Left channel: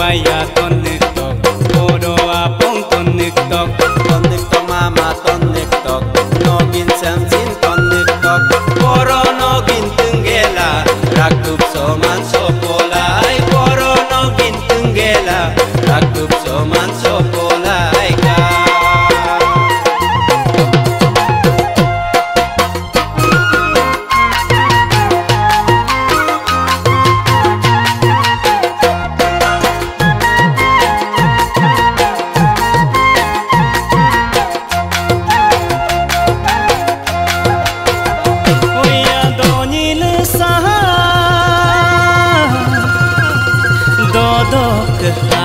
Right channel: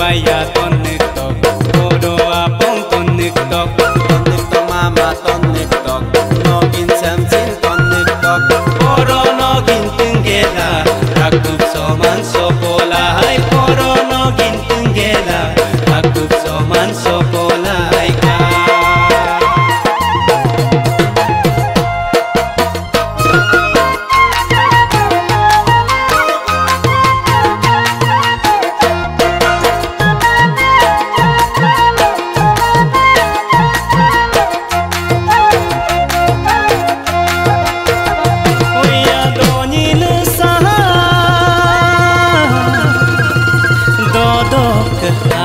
baya tonik tok Poro apong tonik tok mama tonik tok Nogin samsin tonik tok Poro nogin tunggela Rakup soman sopola Ay poro nogin tunggela Rakup soman sopola Ay ka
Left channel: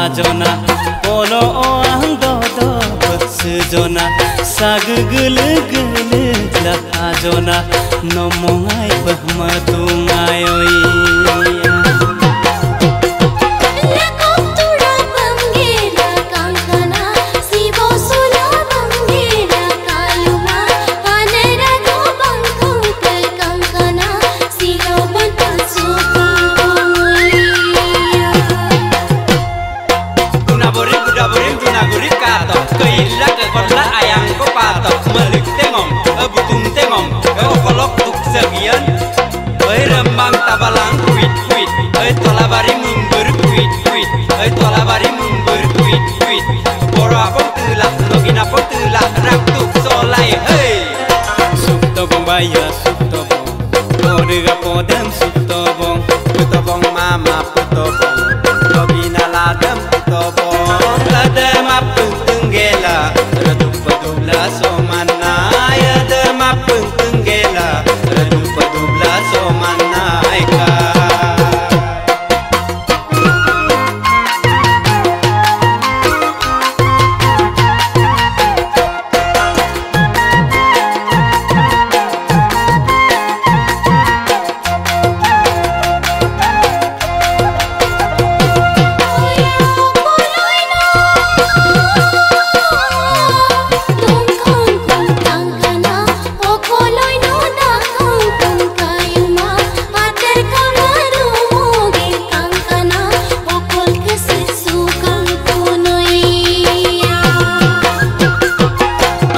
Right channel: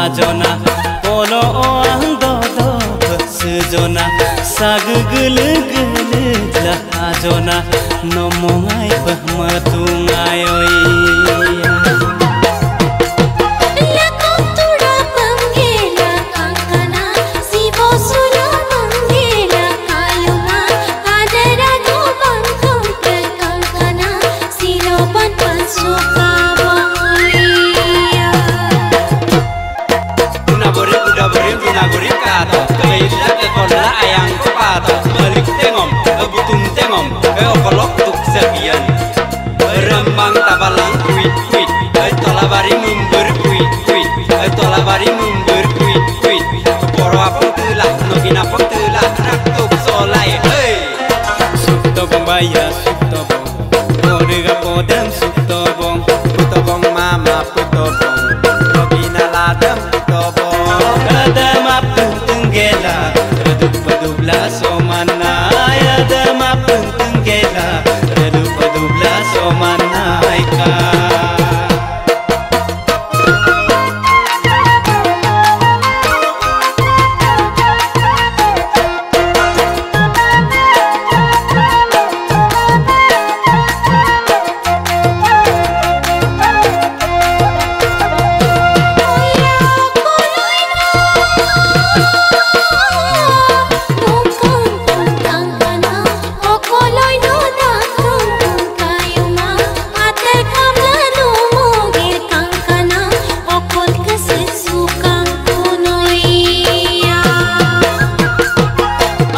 Ajona polo oang dodok sejona sag geleg lah ajona nomongai pahmatungai oi Naguri kato, keila ke kona ayang ko pato, melik tengom, butung tengom, okolok tuk sekian, berembang tabalang kuit, tolabari mumber kuit, tolabari mumber kuit, poro apong telah, nogin apong telah, raktuk solai, hey. Suktobong baya, suktobong, podega podem suktobong, putobong mama putobong, nogin aladem putobong. Ada mapeng tunggela, redup padubla somana. Ada mapeng tunggela, redup padubla somana. Ika.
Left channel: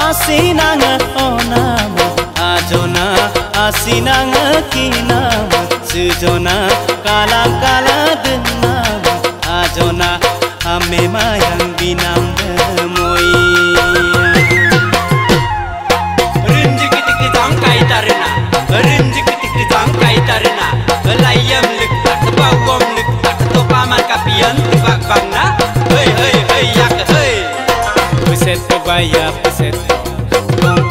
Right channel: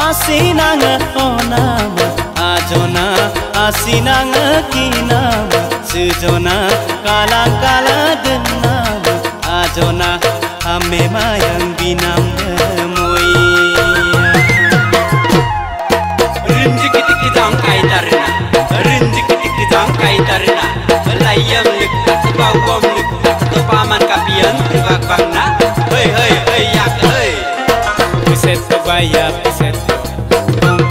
Asinang onama ajona asinang kinama sejona kalang kala denam ajona ame mayang binam demoi rinjik tik jangkai tarina rinjik tik jangkai tarina layam lik tak bawom lik tak to paman kapian tibak bangna hei yak hei Piseto baya piseto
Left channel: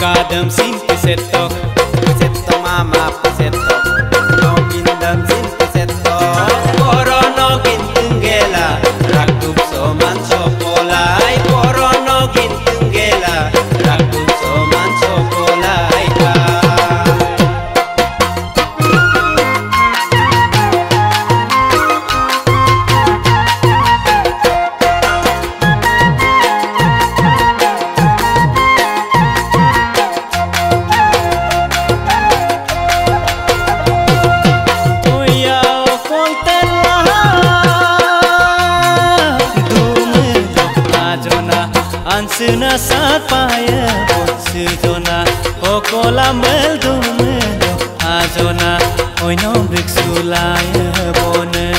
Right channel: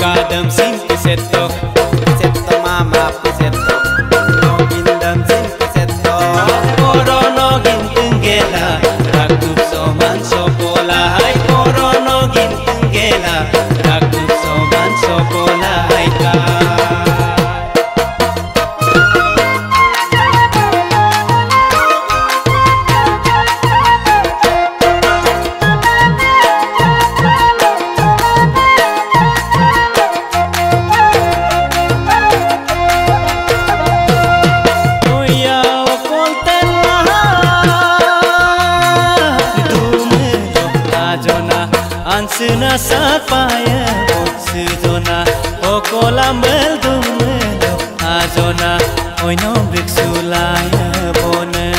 Kadam sin piseto mama piseto Nogin dam sin piseto Poro nogin tunggela Rakup soman sopola Ay poro nogin tunggela Rakup soman sopola Ay ka Ansuna sat paya sejona okolambel dumelo ajona oi nombrik sulaya bone